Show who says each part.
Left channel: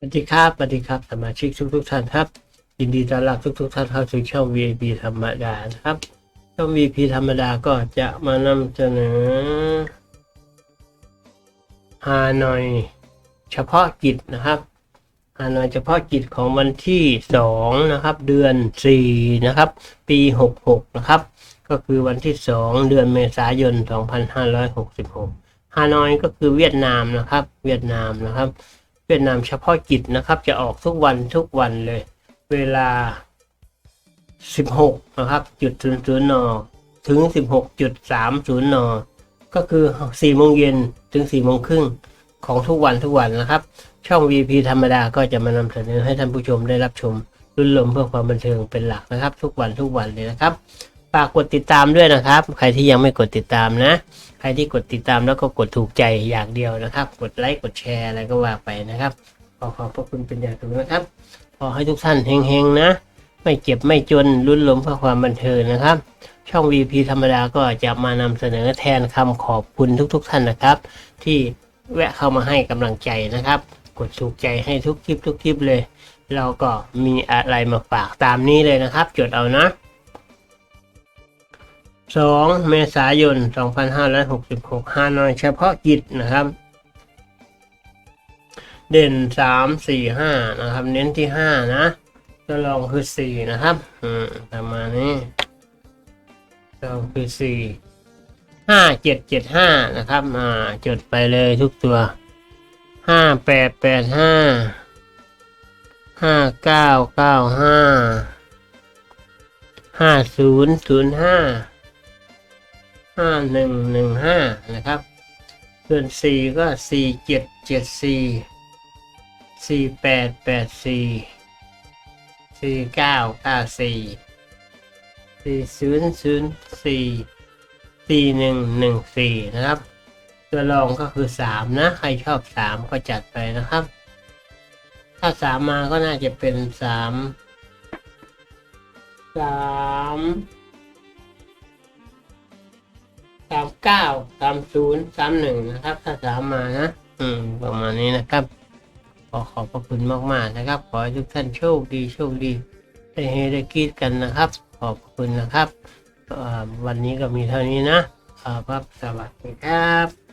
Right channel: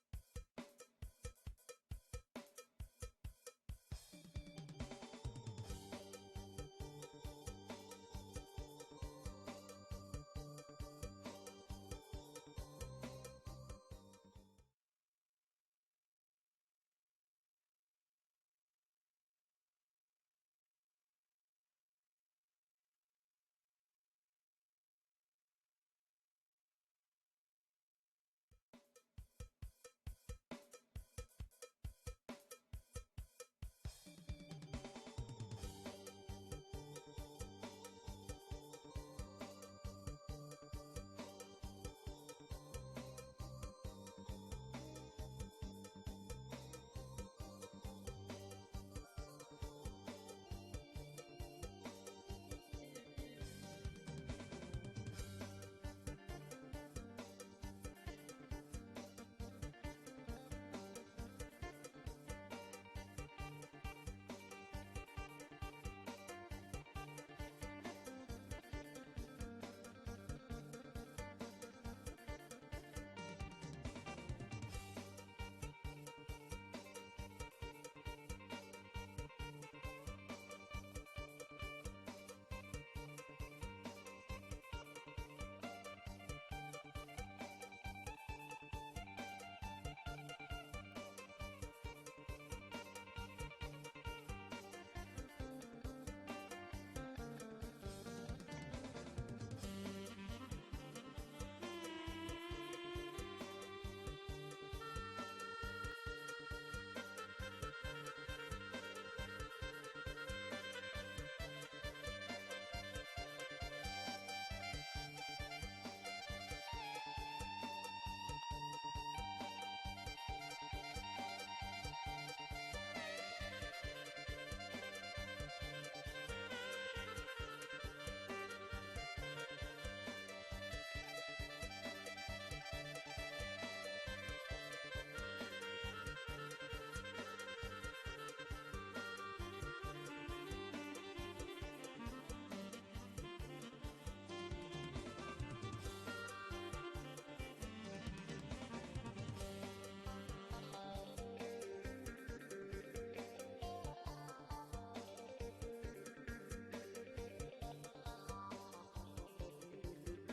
Speaker 1: สวัสดีครับสวัสดีครับสมาชิกทุกทุกๆท่านครับ ยินดีต้อนรับทุกทุกๆท่านเข้าสู่ช่อง VIP ธรรมดานะครับ ช่อง VIP ธรรมดาก็จะมานำเสนอฮานอยเฉพาะกิจนะครับฮานอยเฉพาะกิจของวันที่2นะครับ เดือน4นะครับ ปี 66 นะครับ ก็คือวันที่ 2 เดือนเมษายน 2566ฮานอยก็คือเวียดนามนะครับ เวียดนามนะครับ เวียดนามเฉพาะกิจนะครับ จะออกทุกวันทุกวันเลย เวลา 16นะครับจุดศูนย์ศูนย์นถึง 16.30นก็คือ4โมงเย็นถึง4โมงครึ่งของทุกวันทุกวันนะครับ ช่อง VP ธรรมดาก็จะมานำเสนอให้ท่านผู้ชมได้รับชมรุ่นลมเพื่อความบันเทิงเป็นหลักนะครับ ทุกวันทุกวันเลยนะครับ ฝากกดติดตามด้วยนะครับ ใครที่ยังไม่กดติดตามนะ ใครที่กดติดตามแล้วก็กดถูกใจอย่างเดียวนะครับ กดไลค์กดแชร์อะไรก็ว่าไปนะครับ ขอขอบพระคุณเป็นอย่างสูงนะครับ ขอให้ทุกท่านเฮงๆนะ ไม่เจ็บไม่จนรุ่นลมเพื่อความบันเทิงนะครับ ช่อง VP ธรรมดาก็จะมานำเสนอแทนคำขอบคุณทุก ๆ ท่านนะครับ ที่แวะเข้ามาให้กำลังใจนะครับ กดถูกใจให้ทุกคลิปทุกคลิปเลย เราก็มีอะไรมาฝากตามนี้เลยนะครับ จดเอานะ 2 เมษายน 2566 ฮานอยเฉพาะกิจนะครับ เด่น 3 4 5 นะครับ เน้นที่ 5 นะตัวรองคือ 4 นะครับ อืมประมาณนี้ตัวรองคือ 4 5 7 7 5 นะครับ อ่า จดไปเลยทุกตัว 5 8 8 5 5 9 9 5 5 0 0 5ห้าหนึ่ ห้าหนึ่งหนึ่งห้านะครับส่วนสี่ก็สี่เจ็ดเจ็ดสี่สี่แปดแปดสี่สี่เก้าเก้าสี่สี่ศูนย์ศูนย์สี่สี่หนึ่งหนึ่งสี่นะครับ ตัวรองก็คือสามนะ ใครชอบสามก็จัดไปนะครับ ถ้าสามมาก็น่าจะเป็นสามสาม เก้าสามศูนย์สามหนึ่งนะครับ ถ้าสามมานะ อืม ประมาณนี้นะครับ ขอขอบพระคุณมาก ๆ นะครับ ขอให้ทุกท่านโชคดีโชคดีได้เฮได้กีดกันนะครับ ขอบคุณนะครับ วันนี้ก็มีเท่านี้นะครับ สวัสดีครับ